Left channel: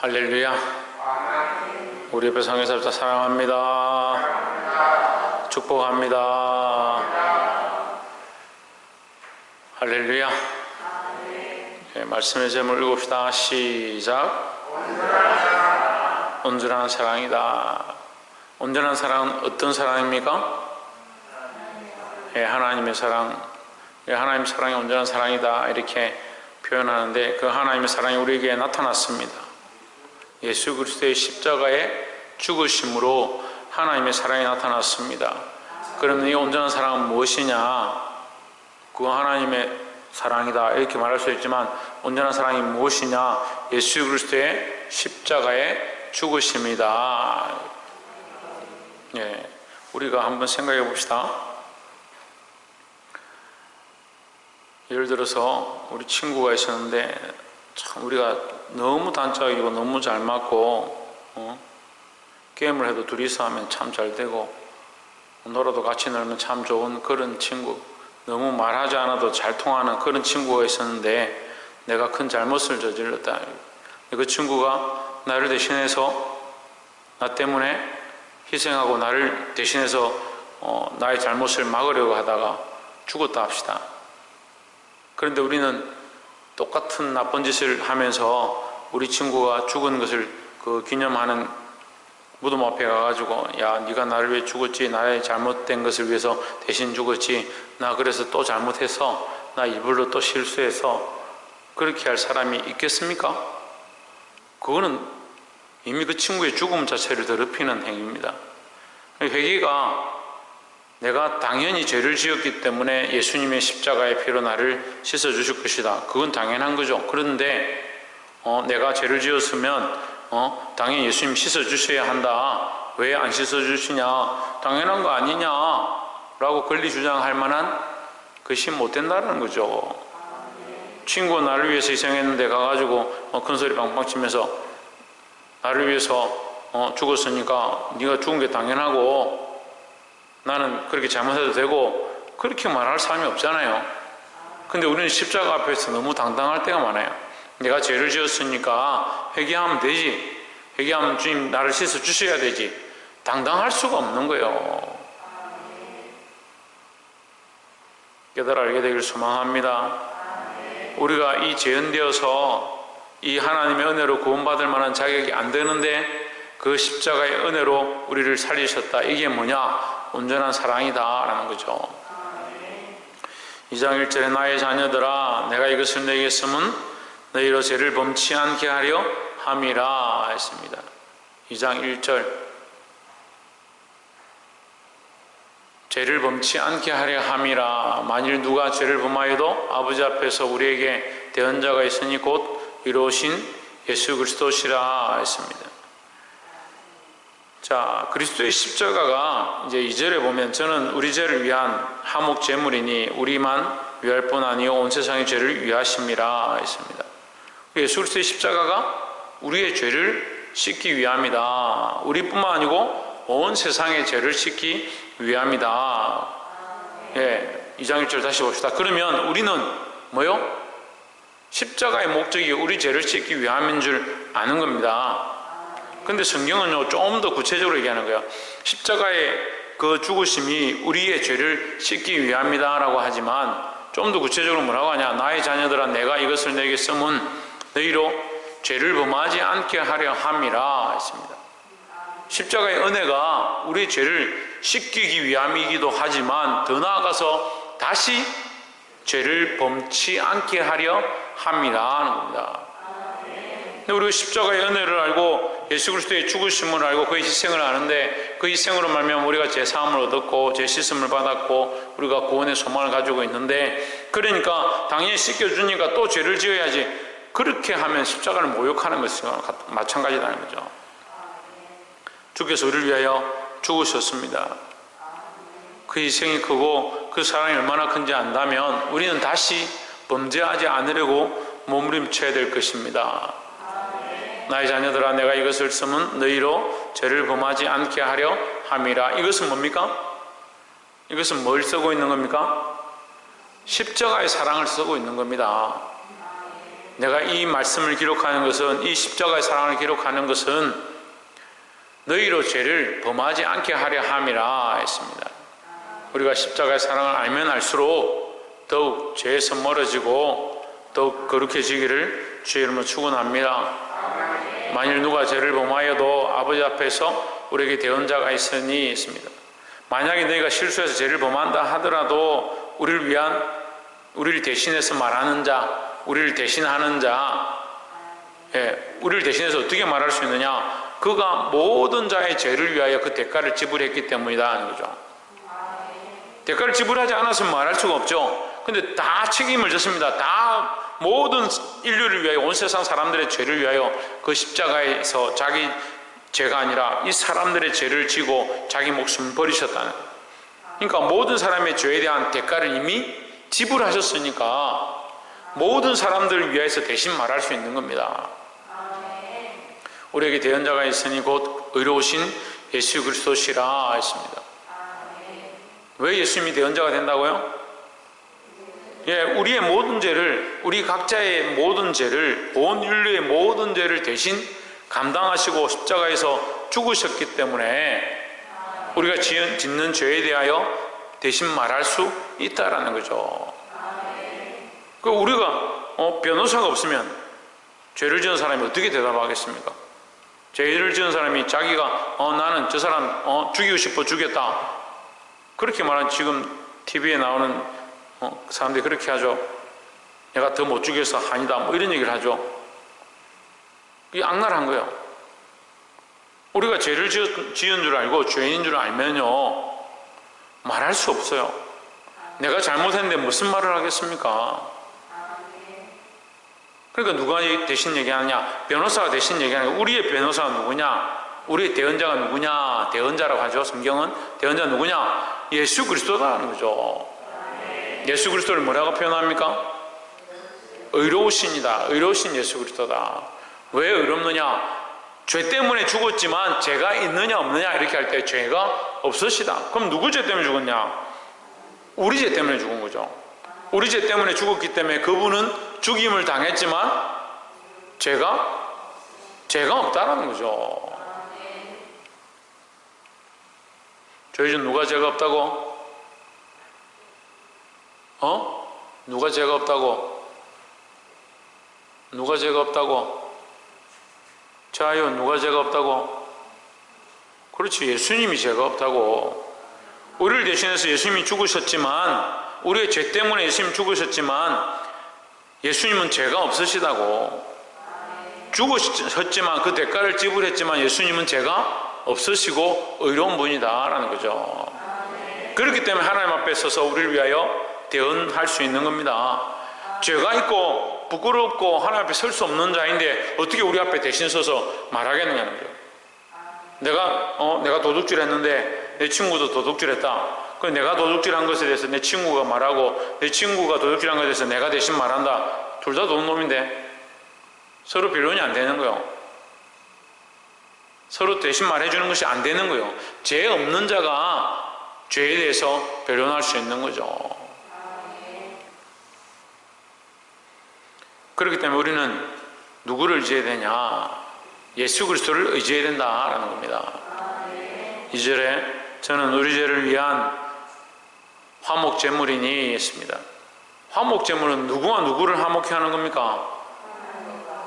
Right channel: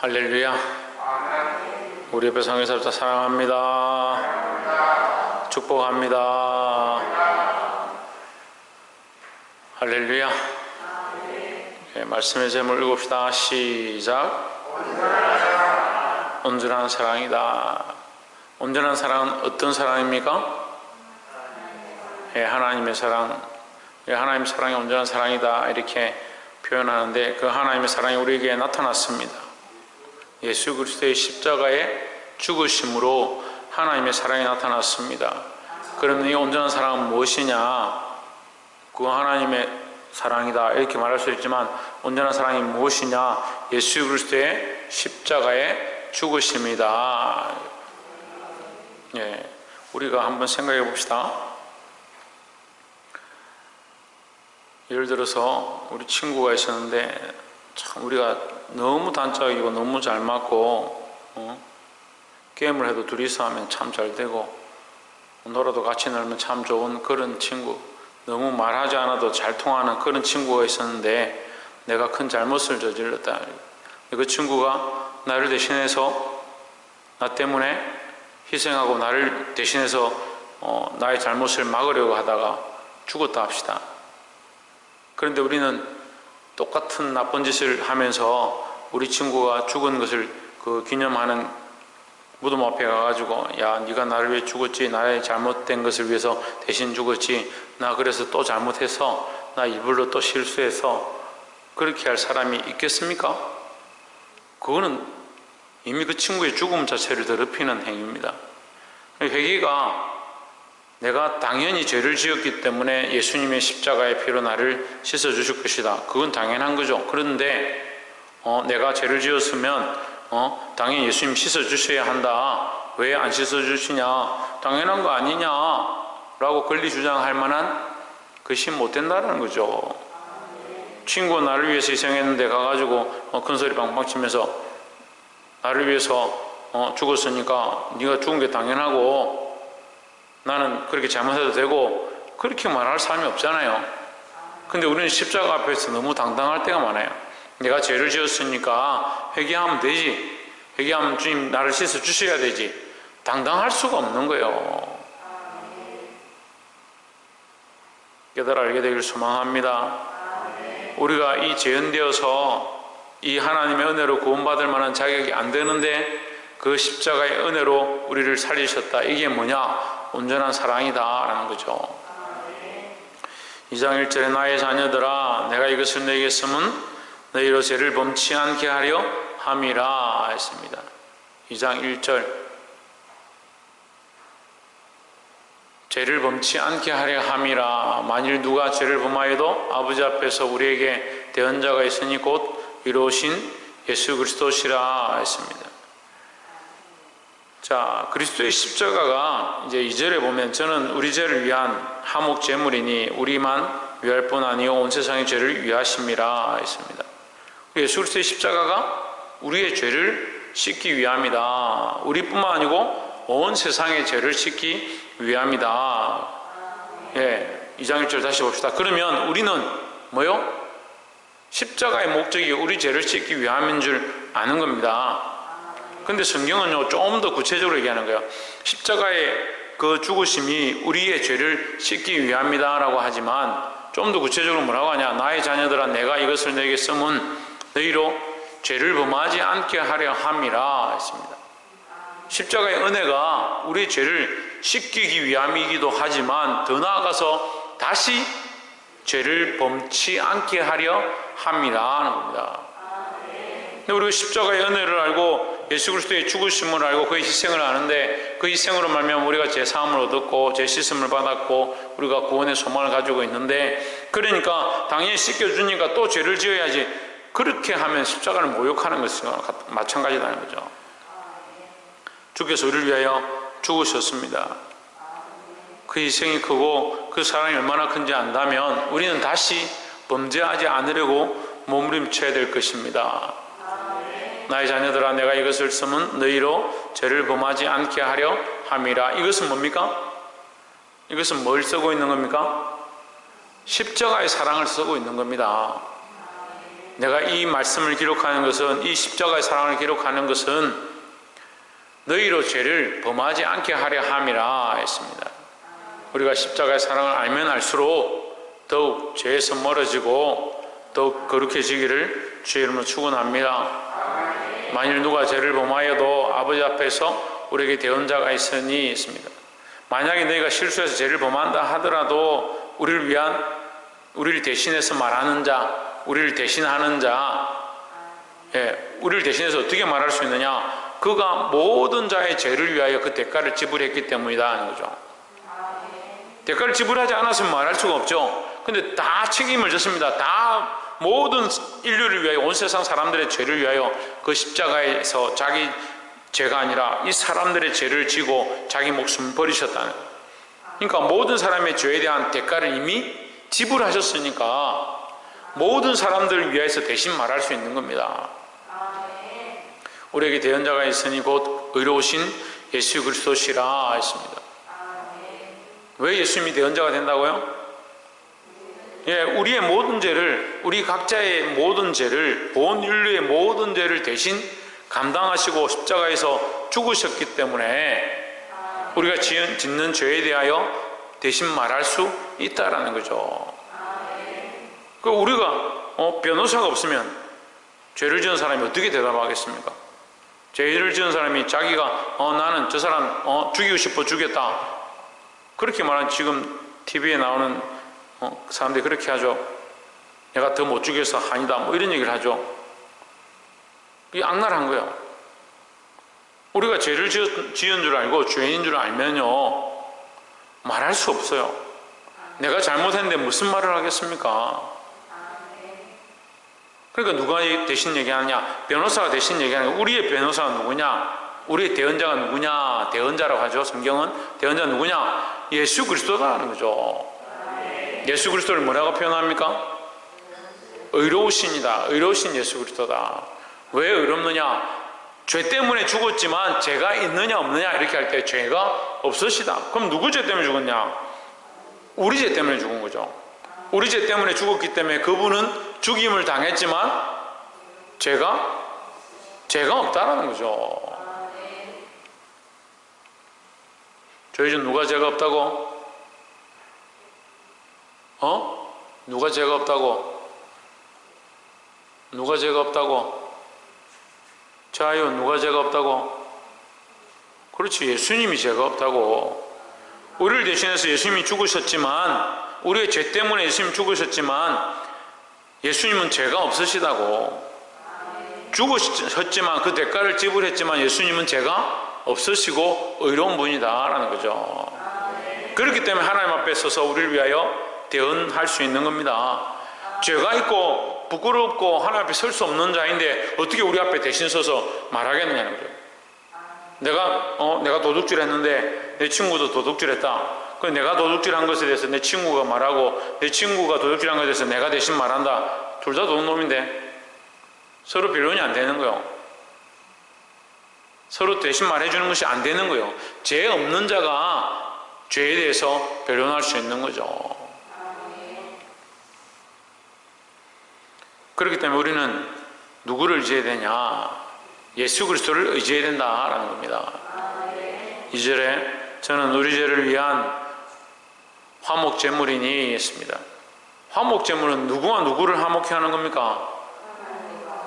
할렐루야. 우리 옆에 성교사님 사랑합니다. 축복합니다. 할렐루야. 네, 말씀의 제목을 읽읍시다. 시작. 온전한 사랑이다. 온전한 사랑은 어떤 사랑입니까? 네, 하나님의 사랑. 하나님의 사랑이 온전한 사랑이다 이렇게 표현하는데, 그 하나님의 사랑이 우리에게 나타났습니다. 예수 그리스도의 십자가의 죽으심으로 하나님의 사랑이 나타났습니다. 그러면 이 온전한 사랑은 무엇이냐? 그거 하나님의 사랑이다 이렇게 말할 수 있지만, 온전한 사랑이 무엇이냐? 예수 그리스도의 십자가의 죽으심이다. 예, 우리가 한번 생각해 봅시다. 예를 들어서 우리 친구가 있었는데, 참 우리가 너무 단짝이고 너무 잘 맞고, 게임을 해도 둘이서 하면 참 잘 되고, 놀아도 같이 놀면 참 좋은 그런 친구, 너무 말하지 않아도 잘 통하는 그런 친구가 있었는데, 내가 큰 잘못을 저질렀다. 그 친구가 나를 대신해서, 나 때문에 희생하고 나를 대신해서 나의 잘못을 막으려고 하다가 죽었다 합시다. 그런데 우리는 똑같은 나쁜 짓을 하면서 우리 친구가 죽은 것을 그 기념하는 무덤 앞에 가가지고, 야, 네가 나를 위해 죽었지, 나의 잘못된 것을 위해서 대신 죽었지, 나 그래서 또 잘못해서, 나 일부러 또 실수해서, 그렇게 할 사람이 있겠습니까? 그거는 이미 그 친구의 죽음 자체를 더럽히는 행위입니다. 회개가 내가 당연히 죄를 지었기 때문에 예수님의 십자가의 피로 나를 씻어주실 것이다, 그건 당연한 거죠. 그런데 내가 죄를 지었으면 당연히 예수님 씻어주셔야 한다, 왜 안 씻어주시냐, 당연한 거 아니냐 라고 권리 주장할 만한 것이 못 된다는 거죠. 친구가 나를 위해서 희생했는데 가가지고 큰소리 빵빵 치면서 나를 위해서 죽었으니까 네가 죽은 게 당연하고 나는 그렇게 잘못해도 되고, 그렇게 말할 사람이 없잖아요. 근데 우리는 십자가 앞에서 너무 당당할 때가 많아요. 내가 죄를 지었으니까 회개하면 되지, 회개하면 주님 나를 씻어 주셔야 되지, 당당할 수가 없는 거예요. 깨달아 알게 되길 소망합니다. 우리가 이 죄인되어서 이 하나님의 은혜로 구원받을 만한 자격이 안 되는데, 그 십자가의 은혜로 우리를 살리셨다. 이게 뭐냐? 온전한 사랑이다 라는 거죠. 2장 1절에 나의 자녀들아 내가 이것을 내게 쓰면 너희로 죄를 범치 않게 하려 함이라 했습니다. 2장 1절, 죄를 범치 않게 하려 함이라. 만일 누가 죄를 범하여도 아버지 앞에서 우리에게 대언자가 있으니 곧 이루신 예수 그리스도시라 했습니다. 자, 그리스도의 십자가가 이제 2절에 보면, 저는 우리 죄를 위한 화목 제물이니 우리만 위할 뿐 아니요 온 세상의 죄를 위하심이라 했습니다. 예수 그리스도의 십자가가 우리의 죄를 씻기 위함이다. 우리뿐만 아니고 온 세상의 죄를 씻기 위함이다. 예, 2장 1절 다시 봅시다. 그러면 우리는 뭐요? 십자가의 목적이 우리 죄를 씻기 위함인 줄 아는 겁니다. 근데 성경은요, 좀 더 구체적으로 얘기하는 거예요. 십자가의 그 죽으심이 우리의 죄를 씻기 위함이다 라고 하지만, 좀 더 구체적으로 뭐라고 하냐? 나의 자녀들아 내가 이것을 너에게 쓰면 너희로 죄를 범하지 않게 하려 함이라 했습니다. 십자가의 은혜가 우리의 죄를 씻기기 위함이기도 하지만, 더 나아가서 다시 죄를 범치 않게 하려 함이라 하는 겁니다. 근데 우리가 십자가의 은혜를 알고 예수 그리스도의 죽으심을 알고 그의 희생을 아는데, 그 희생으로 말미암아 우리가 죄 사함을 얻었고 죄 씻음을 받았고 우리가 구원의 소망을 가지고 있는데, 그러니까 당연히 씻겨주니까 또 죄를 지어야지, 그렇게 하면 십자가를 모욕하는 것과 마찬가지라는 거죠. 주께서 우리를 위하여 죽으셨습니다. 그 희생이 크고 그 사랑이 얼마나 큰지 안다면 우리는 다시 범죄하지 않으려고 몸부림쳐야 될 것입니다. 나의 자녀들아 내가 이것을 쓰면 너희로 죄를 범하지 않게 하려 함이라. 이것은 뭡니까? 이것은 뭘 쓰고 있는 겁니까? 십자가의 사랑을 쓰고 있는 겁니다. 내가 이 말씀을 기록하는 것은, 이 십자가의 사랑을 기록하는 것은 너희로 죄를 범하지 않게 하려 함이라 했습니다. 우리가 십자가의 사랑을 알면 알수록 더욱 죄에서 멀어지고 더욱 거룩해지기를 주의 이름으로 축원합니다. 만일 누가 죄를 범하여도 아버지 앞에서 우리에게 대언자가 있으니 있습니다. 만약에 너희가 실수해서 죄를 범한다 하더라도 우리를 대신해서 말하는 자, 우리를 대신하는 자, 우리를 대신해서 어떻게 말할 수 있느냐? 그가 모든 자의 죄를 위하여 그 대가를 지불했기 때문이다 하는 거죠. 대가를 지불하지 않았으면 말할 수가 없죠. 근데 다 책임을 졌습니다. 다 모든 인류를 위하여, 온 세상 사람들의 죄를 위하여 그 십자가에서 자기 죄가 아니라 이 사람들의 죄를 지고 자기 목숨을 버리셨다는 거예요. 그러니까 모든 사람의 죄에 대한 대가를 이미 지불하셨으니까 모든 사람들을 위해서 대신 말할 수 있는 겁니다. 우리에게 대언자가 있으니 곧 의로우신 예수 그리스도시라 했습니다. 왜 예수님이 대언자가 된다고요? 우리의 모든 죄를, 우리 각자의 모든 죄를, 온 인류의 모든 죄를 대신 감당하시고 십자가에서 죽으셨기 때문에 우리가 짓는 죄에 대하여 대신 말할 수 있다라는 거죠. 우리가 변호사가 없으면 죄를 지은 사람이 어떻게 대답하겠습니까? 죄를 지은 사람이 자기가 나는 저 사람 죽이고 싶어 죽였다, 그렇게 말하는, 지금 TV에 나오는 사람들이 그렇게 하죠. 내가 더 못 죽여서 아니다, 뭐 이런 얘기를 하죠. 이게 악랄한 거예요. 우리가 죄를 지은 줄 알고 죄인인 줄 알면요 말할 수 없어요. 내가 잘못했는데 무슨 말을 하겠습니까? 그러니까 누가 대신 얘기하느냐? 변호사가 대신 얘기하는 거예요. 우리의 변호사가 누구냐? 우리의 대언자가 누구냐? 대언자라고 하죠. 성경은 대언자 누구냐? 예수 그리스도다라는 거죠. 예수 그리스도를 뭐라고 표현합니까? 의로우신이다. 의로우신 예수 그리스도다. 왜 의롭느냐? 죄 때문에 죽었지만 죄가 있느냐 없느냐 이렇게 할 때 죄가 없으시다. 그럼 누구 죄 때문에 죽었냐? 우리 죄 때문에 죽은 거죠. 우리 죄 때문에 죽었기 때문에 그분은 죽임을 당했지만 죄가 없다라는 거죠. 저희 중 누가 죄가 없다고? 누가 죄가 없다고? 누가 죄가 없다고? 자요, 누가 죄가 없다고? 그렇지, 예수님이 죄가 없다고. 우리를 대신해서 예수님이 죽으셨지만, 우리의 죄 때문에 예수님이 죽으셨지만 예수님은 죄가 없으시다고. 죽으셨지만 그 대가를 지불했지만 예수님은 죄가 없으시고 의로운 분이다라는 거죠. 그렇기 때문에 하나님 앞에 서서 우리를 위하여 대언할 수 있는 겁니다. 죄가 있고 부끄럽고 하나님 앞에 설 수 없는 자인데 어떻게 우리 앞에 대신 서서 말하겠느냐는 거예요. 내가 도둑질했는데 내 친구도 도둑질했다. 그럼 내가 도둑질한 것에 대해서 내 친구가 말하고 내 친구가 도둑질한 것에 대해서 내가 대신 말한다. 둘 다 도둑놈인데 서로 변론이 안 되는 거예요. 서로 대신 말해주는 것이 안 되는 거예요. 죄 없는 자가 죄에 대해서 변론할 수 있는 거죠. 그렇기 때문에 우리는 누구를 의지해야 되냐? 예수 그리스도를 의지해야 된다라는 겁니다. 2절에 저는 우리 죄를 위한 화목제물이니 했습니다. 화목제물은 누구와 누구를 화목케 하는 겁니까?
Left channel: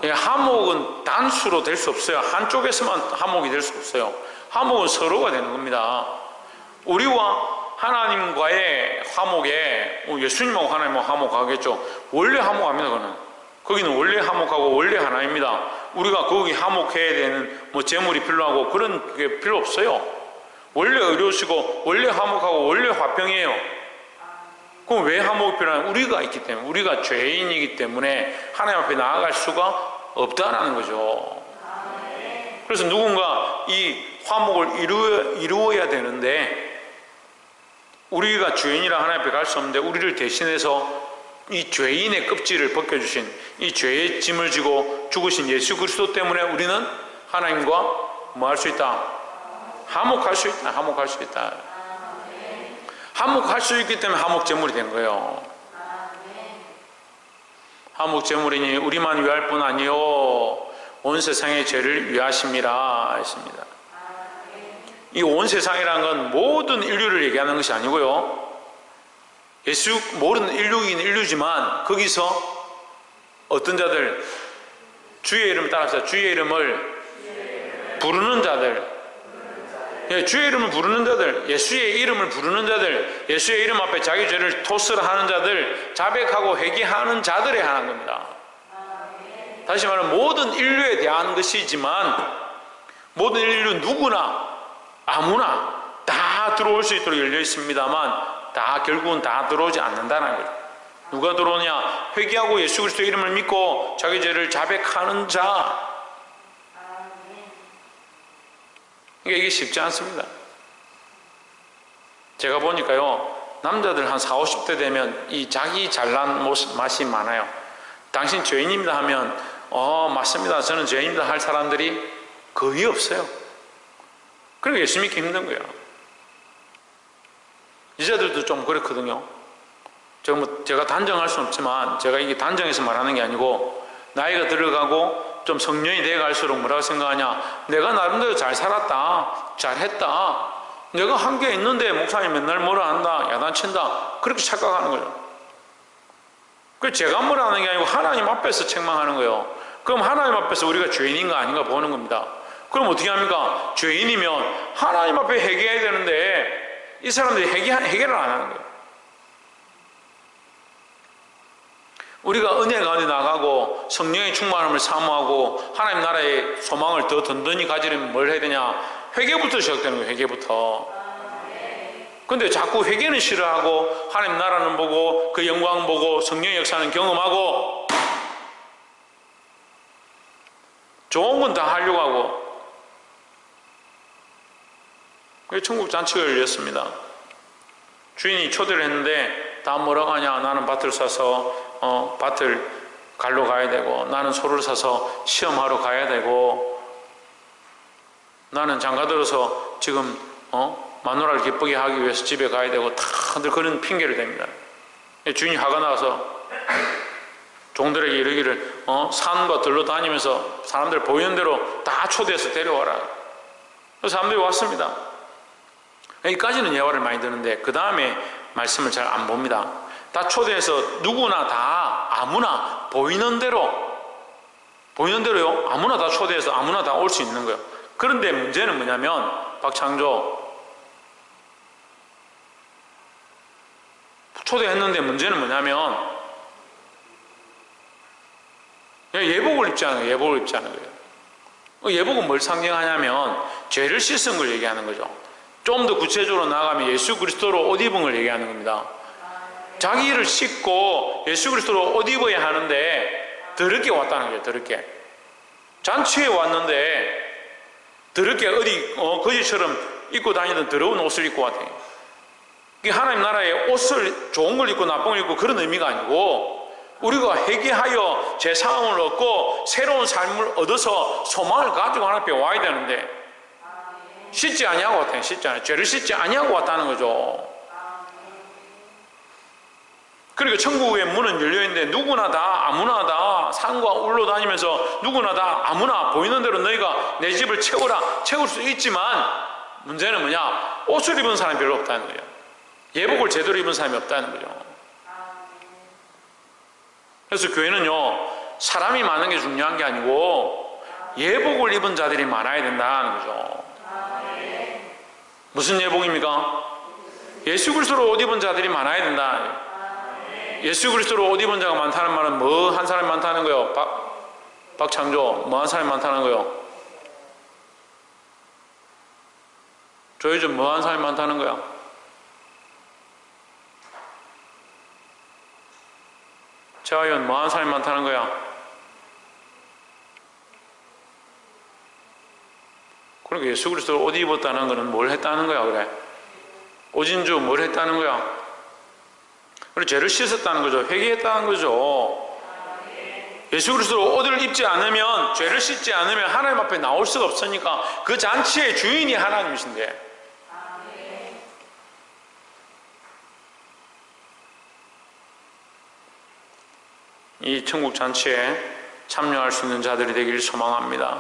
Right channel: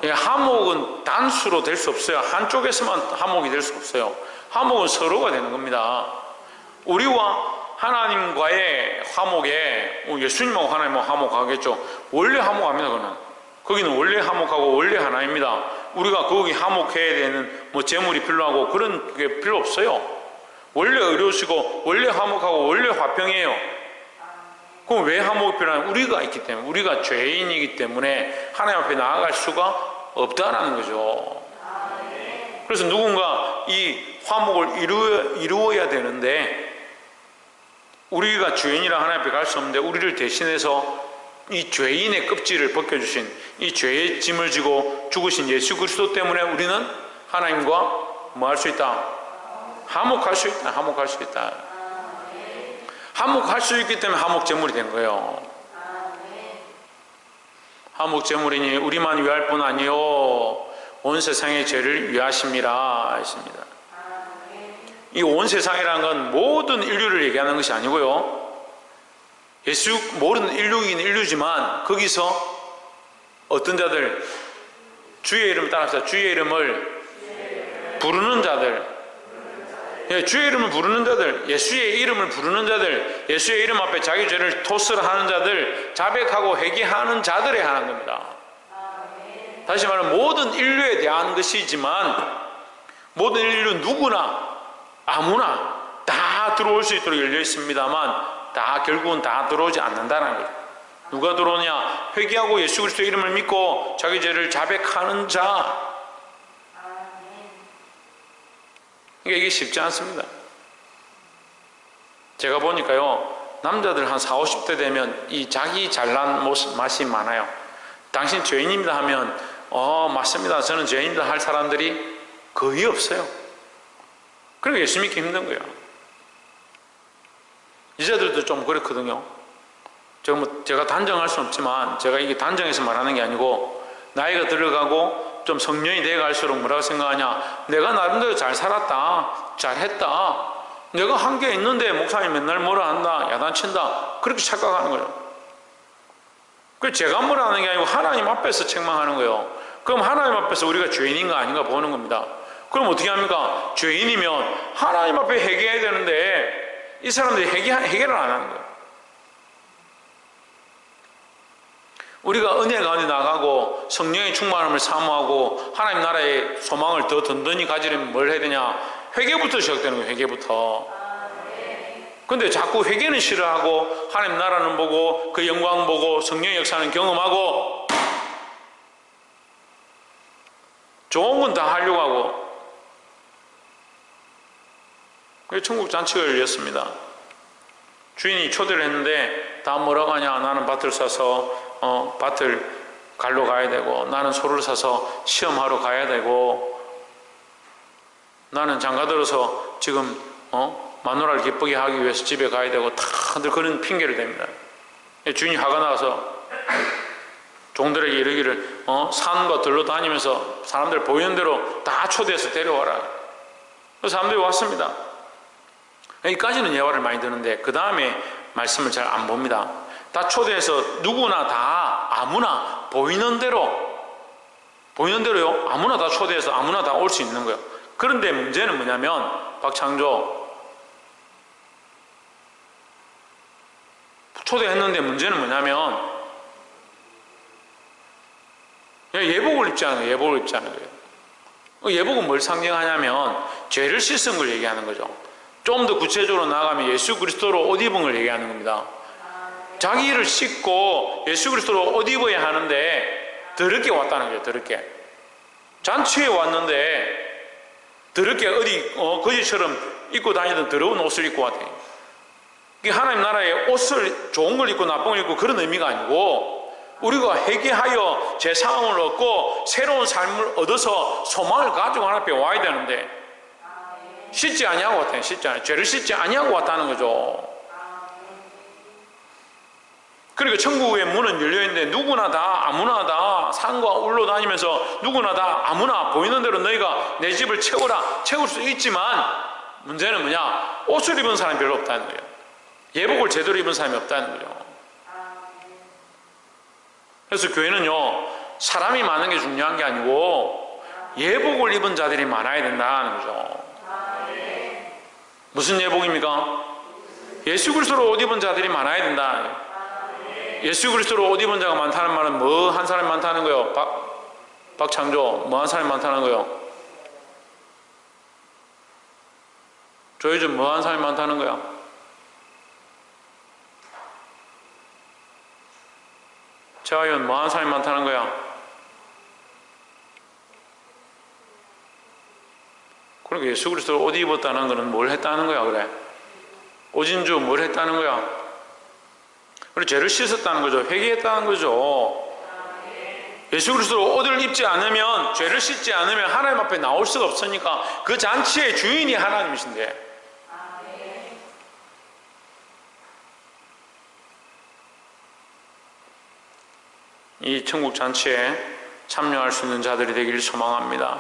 화목은 단수로 될 수 없어요. 한쪽에서만 화목이 될 수 없어요. 화목은 서로가 되는 겁니다. 우리와 하나님과의 화목에 예수님하고 하나님하고 화목하겠죠. 원래 화목합니다. 그거는 거기는 원래 화목하고 원래 하나입니다. 우리가 거기 화목해야 되는 제물이 필요하고 그런 게 필요 없어요. 원래 의로우시고 원래 화목하고 원래 화평이에요. 그럼 왜 화목이 필요하냐? 우리가 있기 때문에, 우리가 죄인이기 때문에 하나님 앞에 나아갈 수가 없다라는 거죠. 그래서 누군가 이 화목을 이루어야 되는데 우리가 죄인이라 하나님 앞에 갈 수 없는데 우리를 대신해서 이 죄인의 껍질을 벗겨주신 이 죄의 짐을 지고 죽으신 예수 그리스도 때문에 우리는 하나님과 뭐 할 수 있다? 화목할 수 있다. 화목할 수 있다. 화목할 수 있기 때문에 화목제물이 된 거예요. 화목 제물이니 우리만 위할 뿐 아니요 온 세상의 죄를 위하심이라 했습니다. 이 온 세상이라는 건 모든 인류를 얘기하는 것이 아니고요, 예수 모르는 인류이긴 인류지만 거기서 어떤 자들, 주의 이름을 따라합시다. 주의 이름을 부르는 자들, 주의 이름을 부르는 자들, 예수의 이름을 부르는 자들, 예수의 이름 앞에 자기 죄를 토스하는 자들, 자백하고 회개하는 자들에 한한 겁니다. 다시 말하면 모든 인류에 대한 것이지만 모든 인류 누구나 아무나 다 들어올 수 있도록 열려 있습니다만 다 결국은 다 들어오지 않는다는 거죠. 누가 들어오냐? 회개하고 예수 그리스도의 이름을 믿고 자기 죄를 자백하는 자. 이게 쉽지 않습니다. 제가 보니까요, 남자들 한 40, 50대 되면 이 자기 잘난 맛이 많아요. 당신 죄인입니다 하면 맞습니다, 저는 죄인입니다 할 사람들이 거의 없어요. 그러니까 예수 믿기 힘든 거예요. 여자들도 좀 그렇거든요. 제가 단정할 수는 없지만, 제가 이게 단정해서 말하는 게 아니고, 나이가 들어가고 좀 성년이 돼갈수록 뭐라고 생각하냐? 내가 나름대로 잘 살았다, 잘했다, 내가 한 게 있는데 목사님 맨날 뭐라 한다, 야단친다, 그렇게 착각하는 거예요. 그래서 제가 뭐라 하는 게 아니고 하나님 앞에서 책망하는 거예요. 그럼 하나님 앞에서 우리가 죄인인가 아닌가 보는 겁니다. 그럼 어떻게 합니까? 죄인이면 하나님 앞에 회개해야 되는데 이 사람들이 해결을 안 하는 거예요. 우리가 은혜 가운데 나가고 성령의 충만함을 사모하고 하나님 나라의 소망을 더 든든히 가지려면 뭘 해야 되냐? 회개부터 시작되는 거예요. 회개부터. 근데 자꾸 회개는 싫어하고 하나님 나라는 보고 그 영광 보고 성령의 역사는 경험하고 좋은 건 다 하려고 하고. 그래서 천국 잔치가 열렸습니다. 주인이 초대를 했는데 다 뭐라고 하냐? 나는 밭을 사서 밭을 갈러 가야 되고, 나는 소를 사서 시험하러 가야 되고, 나는 장가들어서 지금 마누라를 기쁘게 하기 위해서 집에 가야 되고, 다들 그런 핑계를 댑니다. 주인이 화가 나서 종들에게 이르기를 산과 들로 다니면서 사람들 보이는 대로 다 초대해서 데려와라. 그래서 사람들이 왔습니다. 여기까지는 예화를 많이 드는데 그 다음에 말씀을 잘 안 봅니다. 다 초대해서 누구나 다 아무나 보이는 대로요, 아무나 다 초대해서 아무나 다 올 수 있는 거예요. 그런데 문제는 뭐냐면, 박창조 초대했는데 문제는 뭐냐면 예복을 입지 않은 거예요. 예복을 입지 않은 거예요. 예복은 뭘 상징하냐면 죄를 씻은 걸 얘기하는 거죠. 좀 더 구체적으로 나가면 예수 그리스도로 옷 입은 걸 얘기하는 겁니다. 자기를 씻고 예수 그리스도로 옷 입어야 하는데 더럽게 왔다는 거예요. 더럽게. 잔치에 왔는데 더럽게 어디 거지처럼 입고 다니던 더러운 옷을 입고 왔대요. 이게 하나님 나라의 옷을 좋은 걸 입고 나쁜 걸 입고 그런 의미가 아니고, 우리가 회개하여 제 상함을 얻고 새로운 삶을 얻어서 소망을 가지고 하나님 앞에 와야 되는데 씻지 아니하고 왔다는, 죄를 씻지 아니하고 왔다는 거죠. 그러니까 천국의 문은 열려있는데 누구나 다 아무나 다 산과 울로 다니면서 누구나 다 아무나 보이는 대로 너희가 내 집을 채우라, 채울 수 있지만 문제는 뭐냐? 옷을 입은 사람이 별로 없다는 거예요. 예복을 제대로 입은 사람이 없다는 거죠. 그래서 교회는요, 사람이 많은 게 중요한 게 아니고 예복을 입은 자들이 많아야 된다는 거죠. 무슨 예복입니까? 예수 그리스도로 옷 입은 자들이 많아야 된다. 예수 그리스도로 옷 입은 자가 많다는 말은 뭐 한 사람이 많다는 거예요? 박창조, 뭐 한 사람이 많다는 거예요? 조혜준, 뭐 한 사람이 많다는 거야? 최하연, 뭐 한 사람이 많다는 거야? 그러니까 예수 그리스도로 옷 입었다는 거는 뭘 했다는 거야, 그래? 오진주 뭘 했다는 거야? 그리고 죄를 씻었다는 거죠. 회개했다는 거죠. 예수 그리스도로 옷을 입지 않으면, 죄를 씻지 않으면 하나님 앞에 나올 수가 없으니까 그 잔치의 주인이 하나님이신데, 이 천국 잔치에 참여할 수 있는 자들이 되기를 소망합니다.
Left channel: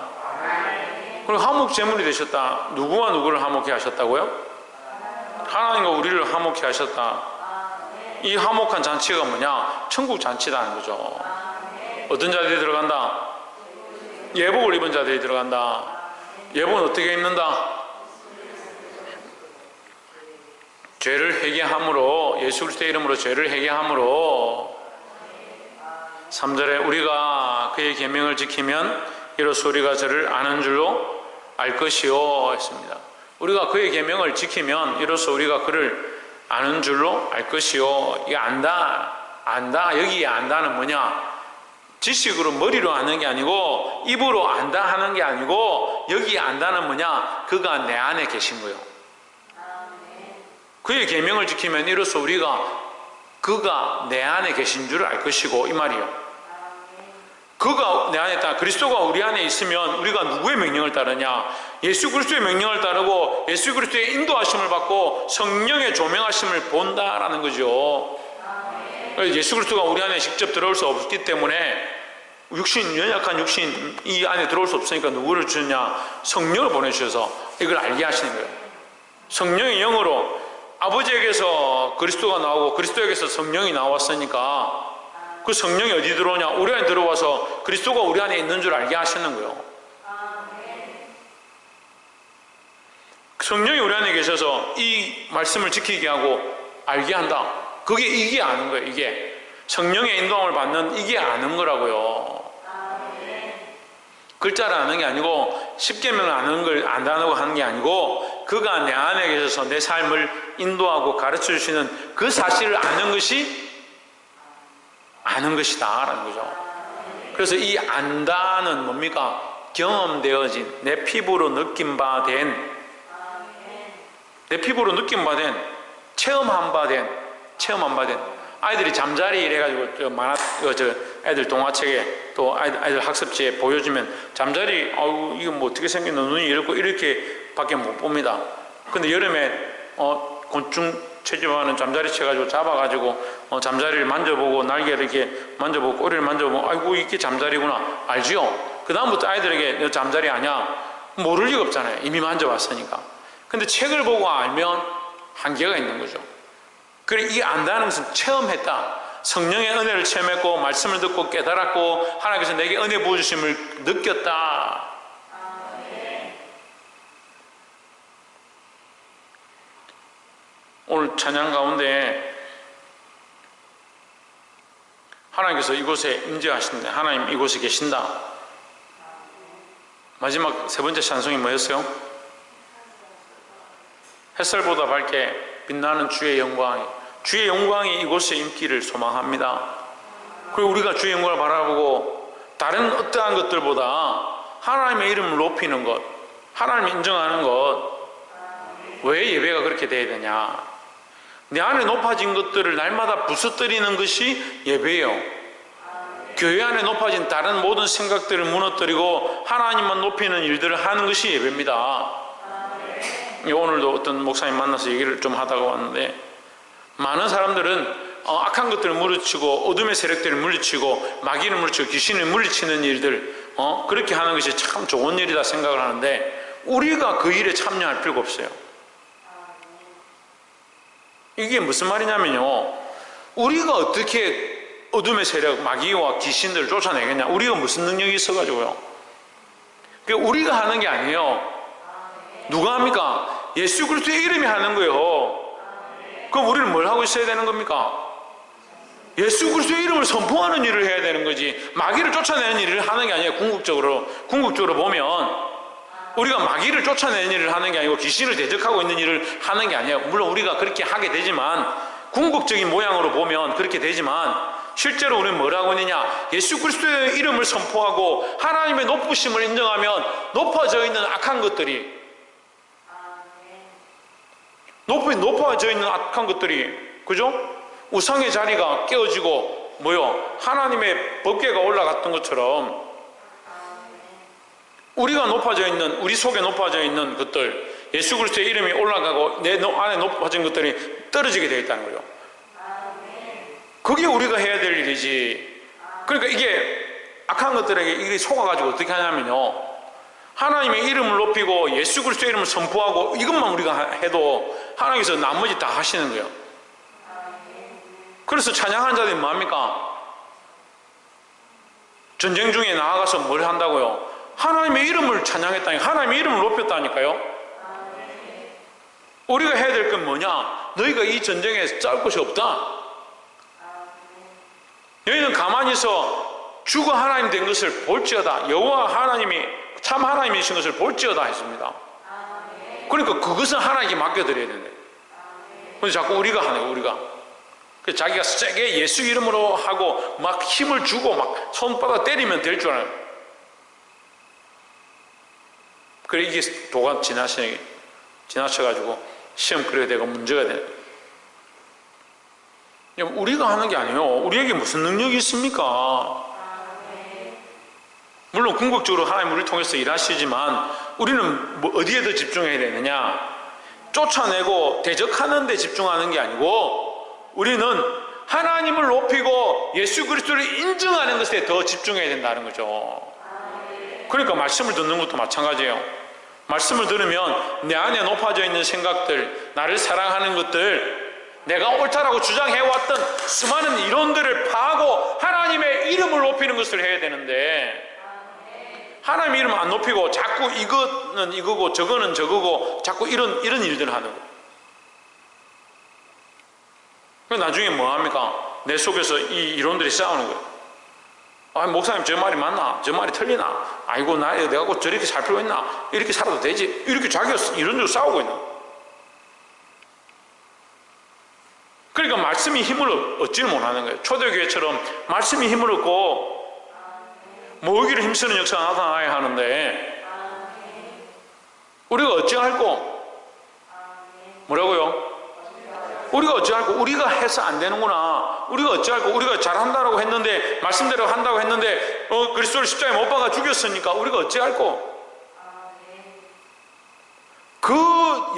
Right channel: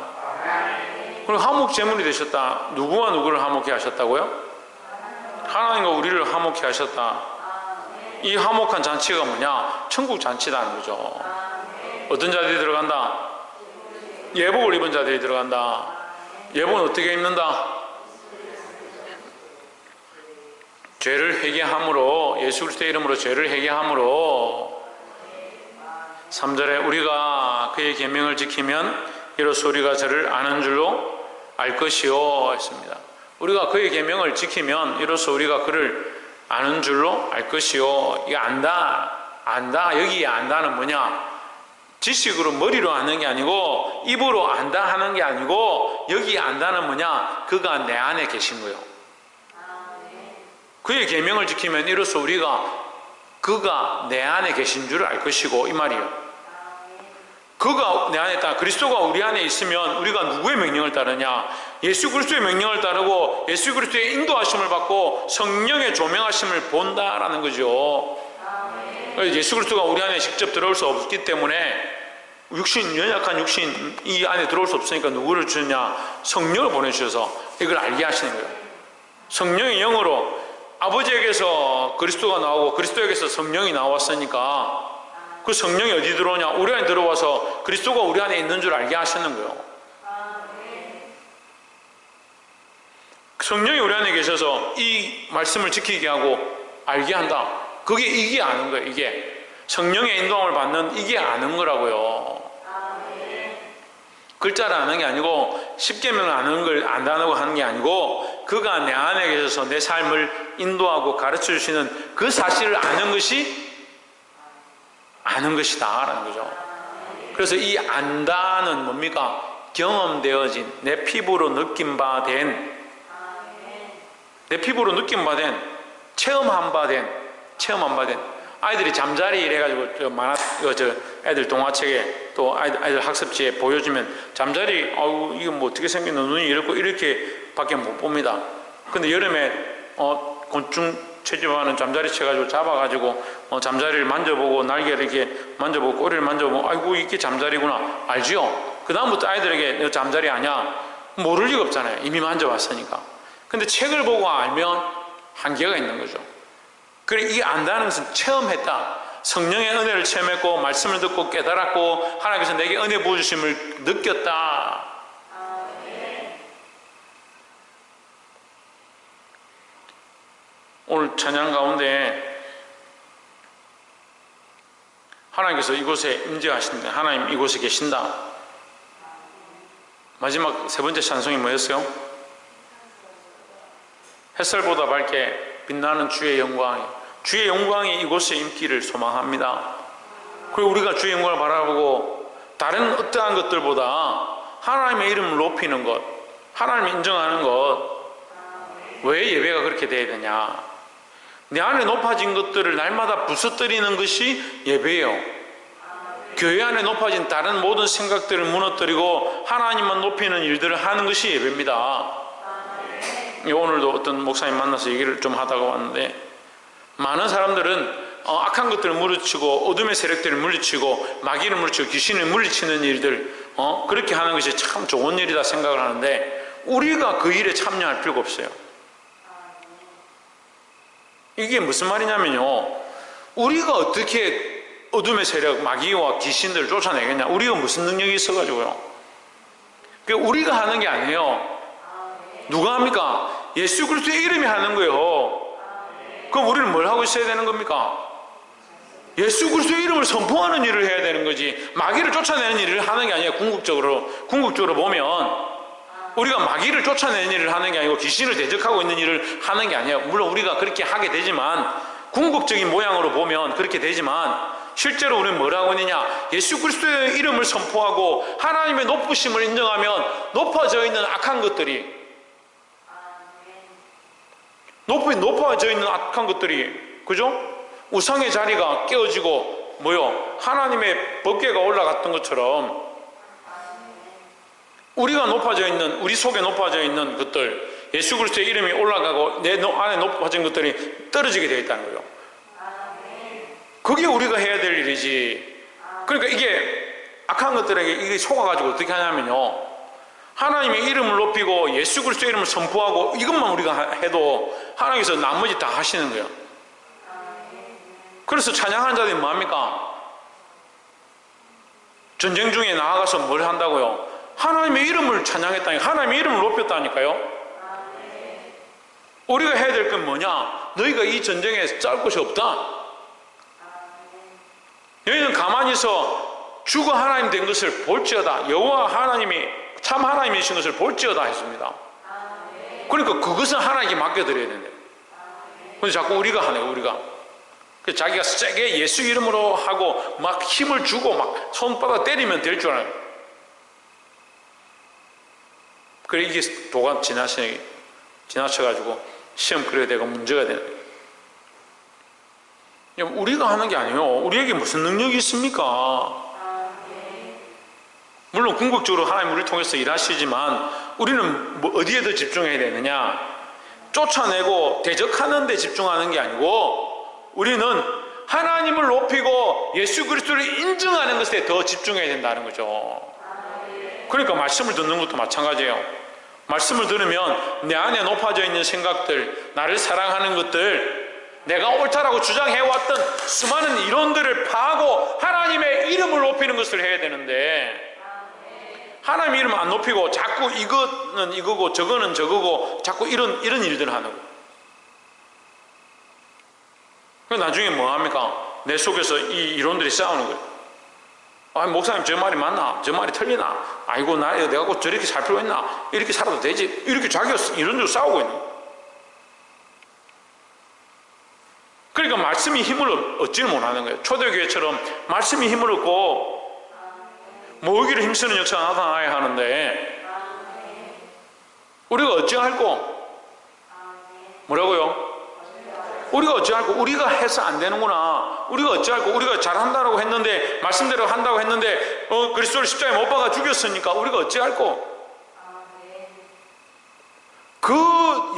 그리고 화목 제물이 되셨다. 누구와 누구를 화목케 하셨다고요? 하나님과 우리를 화목케 하셨다. 이 화목한 잔치가 뭐냐? 천국 잔치라는 거죠. 어떤 자들이 들어간다? 예복을 입은 자들이 들어간다. 예복은 어떻게 입는다? 죄를 회개함으로, 예수 그리스도의 이름으로 죄를 회개함으로 3절에 우리가 그의 계명을 지키면 이로써 우리가 저를 아는 줄로 알 것이요 했습니다. 우리가 그의 계명을 지키면 이로써 우리가 그를 아는 줄로 알 것이요. 이거 안다 여기에 안다는 뭐냐? 지식으로 머리로 아는 게 아니고 입으로 안다 하는 게 아니고 여기에 안다는 뭐냐? 그가 내 안에 계신 거예요. 그의 계명을 지키면 이로써 우리가 그가 내 안에 계신 줄을 알 것이고 이 말이에요. 그가 내 안에 있다. 그리스도가 우리 안에 있으면 우리가 누구의 명령을 따르냐? 예수 그리스도의 명령을 따르고 예수 그리스도의 인도하심을 받고 성령의 조명하심을 본다라는 거죠. 예수 그리스도가 우리 안에 직접 들어올 수 없기 때문에 연약한 육신 이 안에 들어올 수 없으니까 누구를 주느냐? 성령을 보내주셔서 이걸 알게 하시는 거예요. 성령의 영으로 아버지에게서 그리스도가 나오고 그리스도에게서 성령이 나왔으니까 그 성령이 어디 들어오냐? 우리 안에 들어와서 그리스도가 우리 안에 있는 줄 알게 하시는 거예요. 성령이 우리 안에 계셔서 이 말씀을 지키게 하고 알게 한다. 이게 아는 거예요. 이게 성령의 인도함을 받는 이게 아는 거라고요. 글자를 아는 게 아니고 십계명을 아는 걸 안다고 하는 게 아니고 그가 내 안에 계셔서 내 삶을 인도하고 가르쳐 주시는 그 사실을 아는 것이다 라는 거죠. 그래서 이 안다는 뭡니까? 경험되어진 내 피부로 느낀 바 된, 내 피부로 느낀 바 된, 체험한 바 된 아이들이 잠자리 이래가지고 애들 동화책에 또 아이들 학습지에 보여주면 잠자리 이거 뭐 어떻게 생겼나 눈이 이렇게 밖에 못 봅니다. 근데 여름에 곤충 채집하는 잠자리 채가지고 잡아가지고 잠자리를 만져보고 날개를 이렇게 만져보고 꼬리를 만져보고 아이고 이게 잠자리구나 알지요? 그 다음부터 아이들에게 너 잠자리 아냐? 모를 리가 없잖아요. 이미 만져봤으니까. 근데 책을 보고 알면 한계가 있는 거죠. 그래 이 안다는 것은 체험했다. 성령의 은혜를 체험했고 말씀을 듣고 깨달았고 하나님께서 내게 은혜 부어주심을 느꼈다. 오늘 찬양 가운데 하나님께서 이곳에 임재하신다. 하나님 이곳에 계신다. 마지막 세 번째 찬송이 뭐였어요? 햇살보다 밝게 빛나는 주의 영광이 이곳에 임기를 소망합니다. 그리고 우리가 주의 영광을 바라보고 다른 어떠한 것들보다 하나님의 이름을 높이는 것, 하나님을 인정하는 것, 왜 예배가 그렇게 돼야 되냐? 내 안에 높아진 것들을 날마다 부서뜨리는 것이 예배예요. 교회 안에 높아진 다른 모든 생각들을 무너뜨리고 하나님만 높이는 일들을 하는 것이 예배입니다. 오늘도 어떤 목사님 만나서 얘기를 좀 하다가 왔는데 많은 사람들은 악한 것들을 물리치고 어둠의 세력들을 물리치고 마귀를 물리치고 귀신을 물리치는 일들 그렇게 하는 것이 참 좋은 일이다 생각을 하는데 우리가 그 일에 참여할 필요가 없어요. 이게 무슨 말이냐면요, 우리가 어떻게 어둠의 세력 마귀와 귀신들을 쫓아내겠냐? 우리가 무슨 능력이 있어가지고요. 그러니까 우리가 하는 게 아니에요. 누가 합니까? 예수 그리스도의 이름이 하는 거예요. 그럼 우리는 뭘 하고 있어야 되는 겁니까? 예수 그리스도의 이름을 선포하는 일을 해야 되는 거지 마귀를 쫓아내는 일을 하는 게 아니에요. 궁극적으로 보면 우리가 마귀를 쫓아내는 일을 하는 게 아니고 귀신을 대적하고 있는 일을 하는 게 아니에요. 물론 우리가 그렇게 하게 되지만 궁극적인 모양으로 보면 그렇게 되지만 실제로 우리는 뭘 하고 있느냐? 예수 그리스도의 이름을 선포하고 하나님의 높으심을 인정하면 높아져 있는 악한 것들이 높아져 있는 악한 것들이 그죠? 우상의 자리가 깨어지고 하나님의 법궤가 올라갔던 것처럼 우리가 높아져 있는 우리 속에 높아져 있는 것들 예수 그리스도의 이름이 올라가고 내 안에 높아진 것들이 떨어지게 되어 있다는 거예요. 그게 우리가 해야 될 일이지. 그러니까 이게 악한 것들에게 이게 속아가지고 어떻게 하냐면요, 하나님의 이름을 높이고 예수 그리스도의 이름을 선포하고 이것만 우리가 해도 하나님께서 나머지 다 하시는 거예요. 그래서 찬양하는 자들이 뭐합니까? 전쟁 중에 나아가서 뭘 한다고요? 하나님의 이름을 찬양했다니까, 하나님의 이름을 높였다니까요. 우리가 해야 될 건 뭐냐? 너희가 이 전쟁에 싸울 것이 없다. 너희는 가만히 있어 주가 하나님 된 것을 볼지어다. 여호와 하나님이 참 하나님이신 것을 볼지어다 했습니다. 그러니까 그것은 하나님께 맡겨드려야 된다. 근데 자꾸 우리가 하네, 우리가. 자기가 세게 예수 이름으로 하고 막 힘을 주고 막 손바닥 때리면 될 줄 알아요. 그래 이게 도가 지나쳐가지고 시험 그려야 되고 문제가 되는. 우리가 하는 게 아니에요. 우리에게 무슨 능력이 있습니까? 물론 궁극적으로 하나님 우리를 통해서 일하시지만 우리는 뭐 어디에 더 집중해야 되느냐? 쫓아내고 대적하는 데 집중하는 게 아니고 우리는 하나님을 높이고 예수 그리스도를 인정하는 것에 더 집중해야 된다는 거죠. 그러니까 말씀을 듣는 것도 마찬가지예요. 말씀을 들으면 내 안에 높아져 있는 생각들, 나를 사랑하는 것들, 내가 옳다라고 주장해왔던 수많은 이론들을 파고 하나님의 이름을 높이는 것을 해야 되는데, 하나님의 이름을 안 높이고 자꾸 이거는 이거고 저거는 저거고 자꾸 이런 일들을 하는 거예요. 나중에 뭐 합니까? 내 속에서 이 이론들이 싸우는 거예요. 아, 목사님 저 말이 맞나? 저 말이 틀리나? 아이고 내가 꼭 저렇게 살 필요 있나? 이렇게 살아도 되지? 이렇게 자기가 이론적으로 싸우고 있는 거예요. 그러니까 말씀이 힘을 얻지를 못하는 거예요. 초대교회처럼 말씀이 힘을 얻고 모으기를 힘쓰는 역사가 나타나야 하는데 우리가 어찌할꼬? 뭐라고요? 우리가 어찌할꼬? 우리가 해서 안 되는구나. 우리가 어찌할꼬? 우리가 잘한다고 했는데, 말씀대로 한다고 했는데 그리스도를 십자가에 못 박아 죽였으니까 우리가 어찌할꼬? 그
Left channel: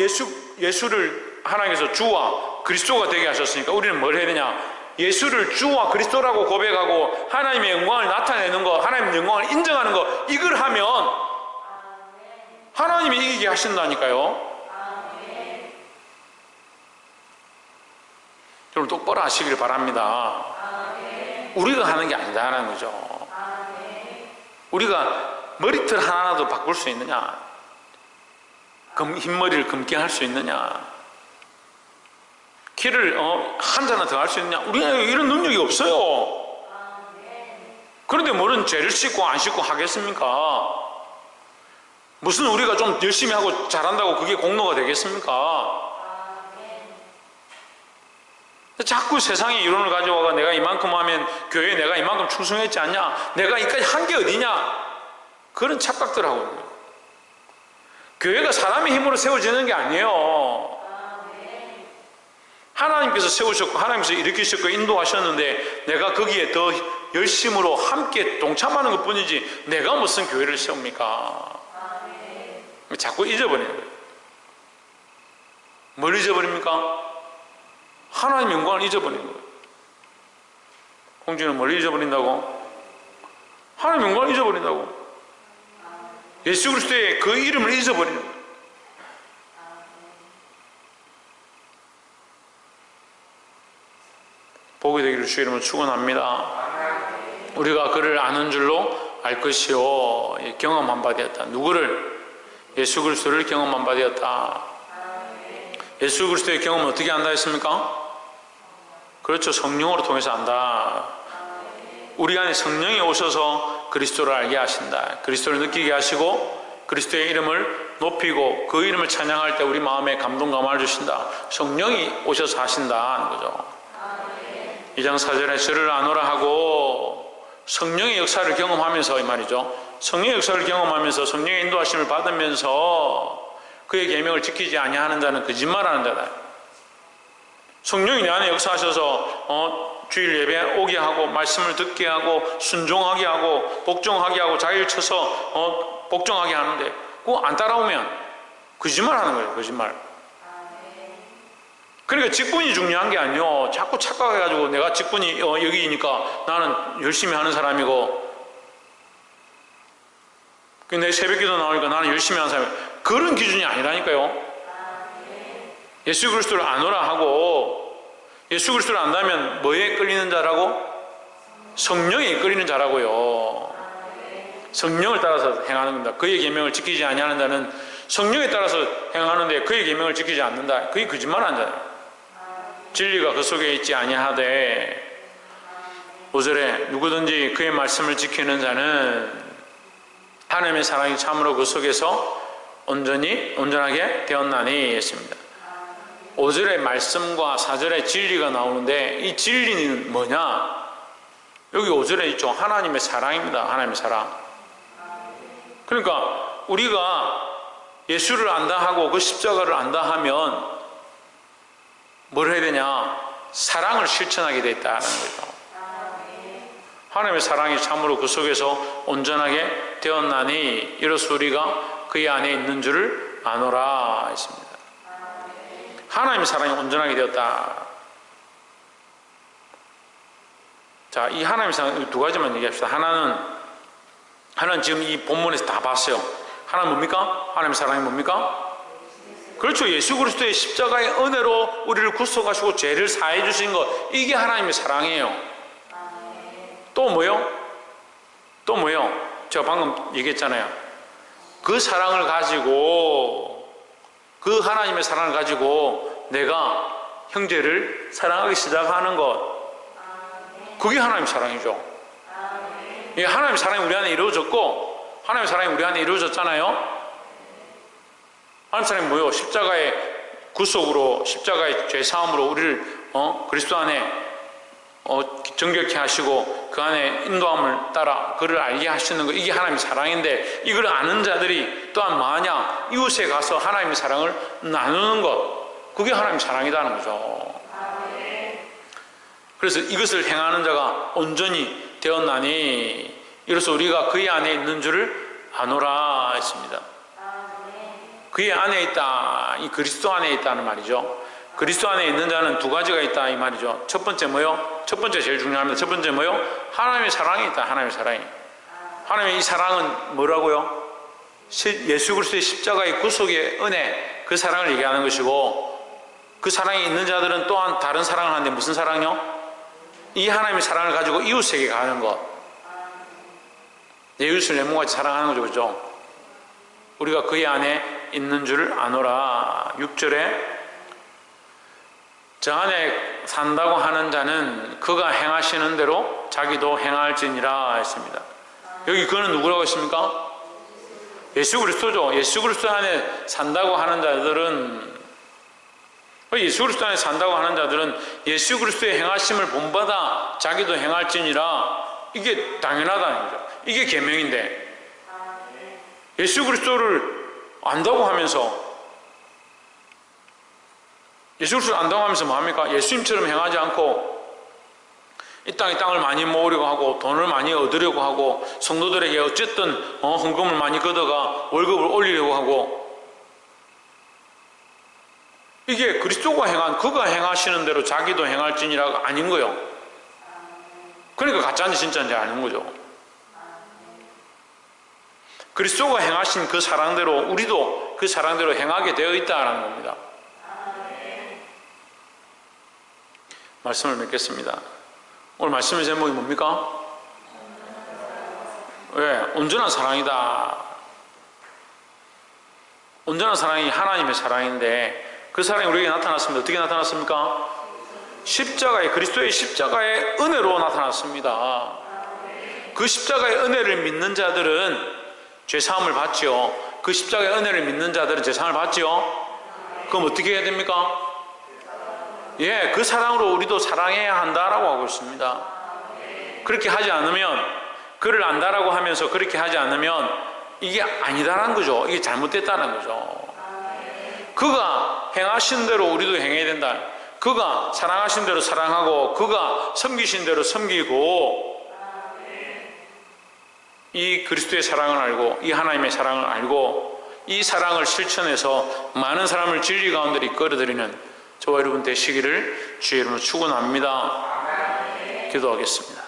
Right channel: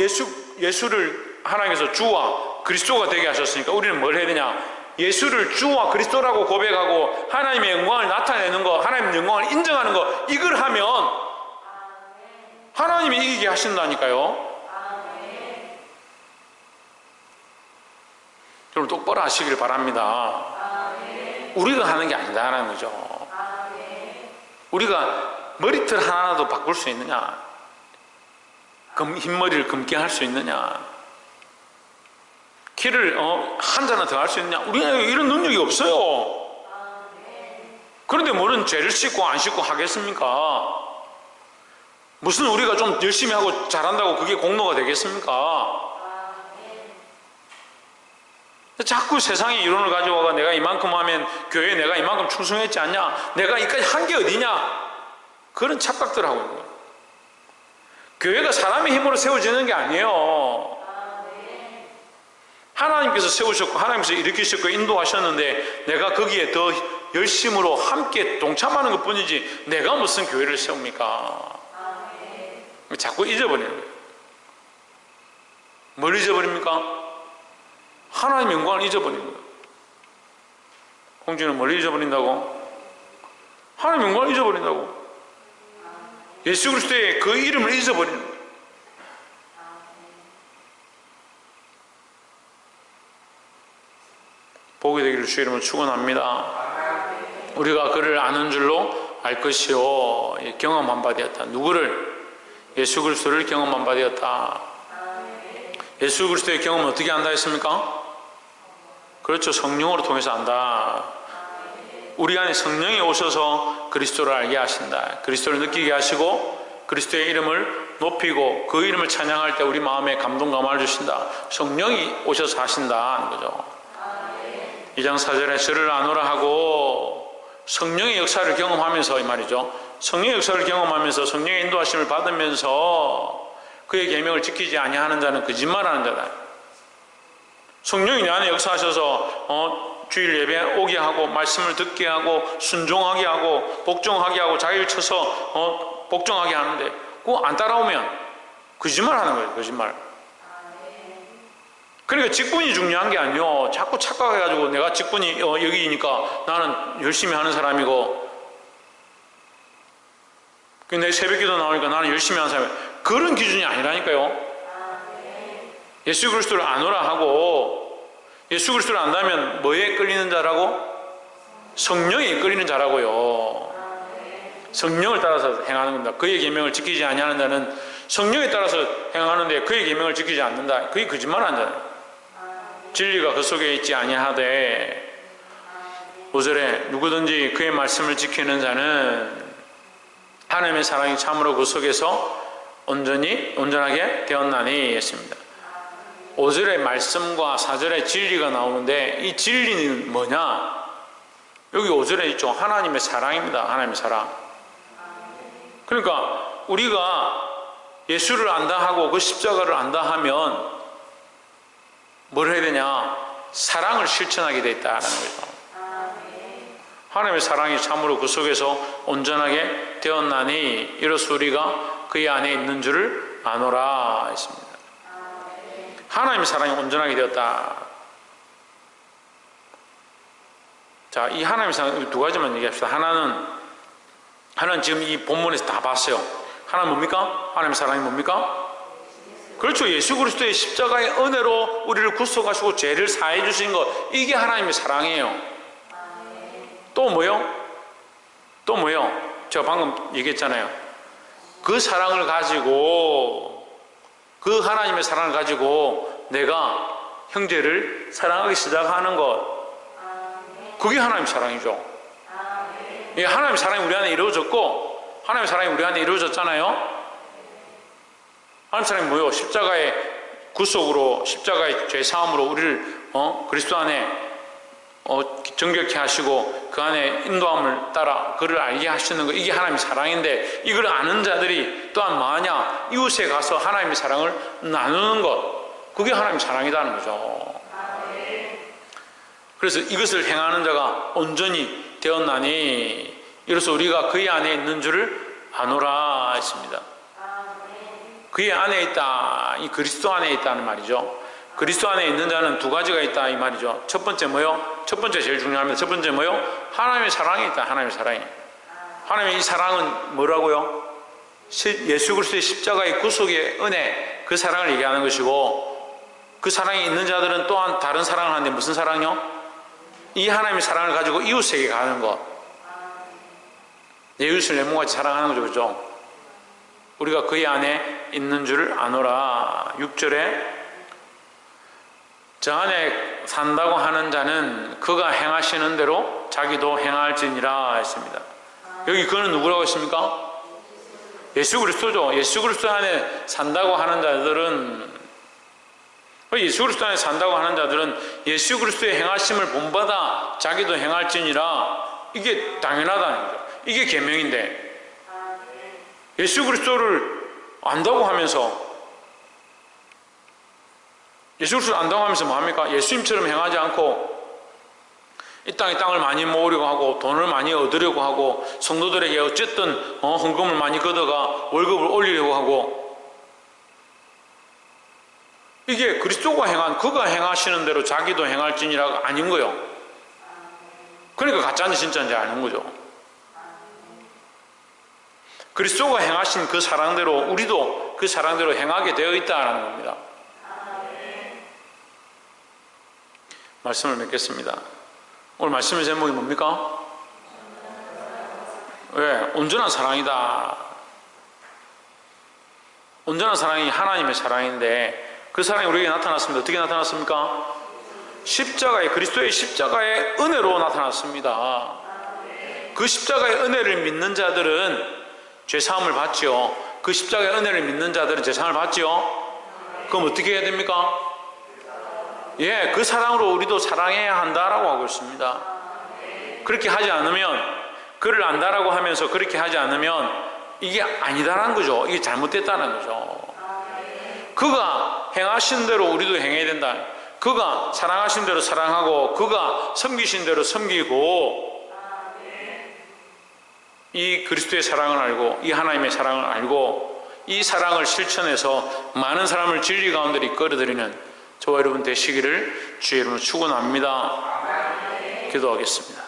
예수를 하나님께서 주와 그리스도가 되게 하셨으니까 우리는 뭘 해야 되냐? 예수를 주와 그리스도라고 고백하고 하나님의 영광을 나타내는 거, 하나님의 영광을 인정하는 거, 이걸 하면 하나님이 이기게 하신다니까요. 여러분 똑바로 하시길 바랍니다. 우리가 하는 게 아니다라는 거죠. 우리가 머리털 하나라도 바꿀 수 있느냐? 흰머리를 검게 할 수 있느냐? 키를 한 잔나 더 할 수 있느냐? 우리는 이런 능력이 없어요. 그런데 뭐는 죄를 씻고 안 씻고 하겠습니까? 무슨 우리가 좀 열심히 하고 잘한다고 그게 공로가 되겠습니까? 자꾸 세상의 이론을 가져와가 내가 이만큼 하면 교회에 내가 이만큼 충성했지 않냐? 내가 이까지 한 게 어디냐? 그런 착각들 하고 있는 거예요. 교회가 사람의 힘으로 세워지는 게 아니에요. 하나님께서 세우셨고 하나님께서 일으키셨고 인도하셨는데 내가 거기에 더 열심으로 함께 동참하는 것 뿐이지 내가 무슨 교회를 세웁니까? 자꾸 잊어버리는 거예요. 뭘 잊어버립니까? 하나님의 영광을 잊어버리는 거예요. 공주는 뭘 잊어버린다고? 하나님의 영광을 잊어버린다고. 예수 그리스도의 그 이름을 잊어버리는 거예요. 복이 되기를 주의 이름으로 축원합니다. 우리가 그를 아는 줄로 알 것이요 경험한 바 되었다. 누구를? 예수 그리스도를 경험한 바 되었다. 예수 그리스도의 경험은 어떻게 한다 했습니까? 그렇죠. 성령으로 통해서 안다. 우리 안에 성령이 오셔서 그리스도를 알게 하신다. 그리스도를 느끼게 하시고 그리스도의 이름을 높이고 그 이름을 찬양할 때 우리 마음에 감동 감화를 주신다. 성령이 오셔서 하신다 하는 거죠. 2장 4절에 저를 아노라 하고 성령의 역사를 경험하면서 이 말이죠. 성령의 역사를 경험하면서 성령의 인도하심을 받으면서 그의 계명을 지키지 아니하는 자는 거짓말하는 자다. 성령이 내 안에 역사하셔서 주일 예배 오게 하고 말씀을 듣게 하고 순종하게 하고 복종하게 하고 자기를 쳐서 복종하게 하는데 그거 안 따라오면 거짓말하는 거예요. 거짓말. 그러니까 직분이 중요한 게 아니요. 자꾸 착각해가지고 내가 직분이 여기니까 나는 열심히 하는 사람이고, 내 새벽기도 나오니까 나는 열심히 하는 사람이고, 그런 기준이 아니라니까요. 예수 그리스도를 아노라 하고, 예수 그리스도를 안다면 뭐에 끌리는 자라고? 성령에 끌리는 자라고요. 성령을 따라서 행하는 겁니다. 그의 계명을 지키지 아니하는 자는 성령에 따라서 행하는데 그의 계명을 지키지 않는다. 그게 거짓말한 자예요. 진리가 그 속에 있지 아니하되 5절에 누구든지 그의 말씀을 지키는 자는 하나님의 사랑이 참으로 그 속에서 온전하게 되었나니 했습니다. 5절의 말씀과 4절의 진리가 나오는데 이 진리는 뭐냐? 여기 5절에 있죠. 하나님의 사랑입니다. 하나님의 사랑. 그러니까 우리가 예수를 안다 하고 그 십자가를 안다 하면 뭘 해야 되냐? 사랑을 실천하게 되어 있다는 거죠. 하나님의 사랑이 참으로 그 속에서 온전하게 되었나니 이로써 우리가 그의 안에 있는 줄을 아노라 했습니다. 하나님의 사랑이 온전하게 되었다. 자, 이 하나님의 사랑 두 가지만 얘기합시다. 하나는 지금 이 본문에서 다 봤어요. 하나는 뭡니까? 하나님의 사랑이 뭡니까? 그렇죠. 예수 그리스도의 십자가의 은혜로 우리를 구속하시고 죄를 사해 주신 것, 이게 하나님의 사랑이에요. 또 뭐요? 또 뭐요? 제가 방금 얘기했잖아요. 그 사랑을 가지고, 그 하나님의 사랑을 가지고 내가 형제를 사랑하기 시작하는 것, 그게 하나님의 사랑이죠. 이게 하나님의 사랑이 우리 안에 이루어졌고, 하나님의 사랑이 우리 안에 이루어졌잖아요. 하나님 사랑이 뭐요? 십자가의 구속으로, 십자가의 죄사함으로 우리를 그리스도 안에 정결케 하시고 그 안에 인도함을 따라 그를 알게 하시는 것, 이게 하나님의 사랑인데, 이걸 아는 자들이 또한 뭐하냐? 이웃에 가서 하나님의 사랑을 나누는 것, 그게 하나님의 사랑이라는 거죠. 그래서 이것을 행하는 자가 온전히 되었나니 이로써 우리가 그의 안에 있는 줄을 아노라 했습니다. 그의 안에 있다, 이 그리스도 안에 있다는 말이죠. 그리스도 안에 있는 자는 두 가지가 있다 이 말이죠. 첫 번째 뭐요? 첫 번째 제일 중요합니다. 첫 번째 뭐요? 하나님의 사랑이 있다. 하나님의 사랑이. 하나님의 이 사랑은 뭐라고요? 예수 그리스도의 십자가의 구속의 은혜, 그 사랑을 얘기하는 것이고, 그 사랑이 있는 자들은 또한 다른 사랑을 하는데 무슨 사랑이요? 이 하나님의 사랑을 가지고 이웃에게 가는 것. 내 이웃을 내 몸같이 사랑하는 거죠. 그죠? 우리가 그의 안에 있는 줄을 아노라. 6절에 저 안에 산다고 하는 자는 그가 행하시는 대로 자기도 행할지니라 했습니다. 여기 그는 누구라고 했습니까? 예수 그리스도죠. 예수 그리스도 안에 산다고 하는 자들은, 예수 그리스도 안에 산다고 하는 자들은 예수 그리스도의 행하심을 본받아 자기도 행할지니라. 이게 당연하다는 거죠. 이게 계명인데, 예수 그리스도를 안다고 하면서, 예수 그리스도를 안다고 하면서 뭐합니까? 예수님처럼 행하지 않고 이 땅에 땅을 많이 모으려고 하고 돈을 많이 얻으려고 하고 성도들에게 어쨌든 헌금을 많이 걷어가 월급을 올리려고 하고, 이게 그리스도가 행한, 그가 행하시는 대로 자기도 행할지니라가 아닌 거예요. 그러니까 가짜인지 진짜인지 아는 거죠. 그리스도가 행하신 그 사랑대로 우리도 그 사랑대로 행하게 되어 있다는 겁니다. 말씀을 맺겠습니다. 오늘 말씀의 제목이 뭡니까? 왜? 온전한 사랑이다. 온전한 사랑이 하나님의 사랑인데 그 사랑이 우리에게 나타났습니다. 어떻게 나타났습니까? 십자가의, 그리스도의 십자가의 은혜로 나타났습니다. 그 십자가의 은혜를 믿는 자들은 죄사함을 받지요. 그 십자가의 은혜를 믿는 자들은 죄사함을 받지요. 그럼 어떻게 해야 됩니까? 예, 그 사랑으로 우리도 사랑해야 한다라고 하고 있습니다. 그렇게 하지 않으면, 그를 안다라고 하면서 그렇게 하지 않으면 이게 아니다라는 거죠. 이게 잘못됐다는 거죠. 그가 행하신 대로 우리도 행해야 된다. 그가 사랑하신 대로 사랑하고 그가 섬기신 대로 섬기고, 이 그리스도의 사랑을 알고 이 하나님의 사랑을 알고 이 사랑을 실천해서 많은 사람을 진리 가운데로 이끌어들이는 저와 여러분 되시기를 주의 이름으로 축원합니다. 기도하겠습니다.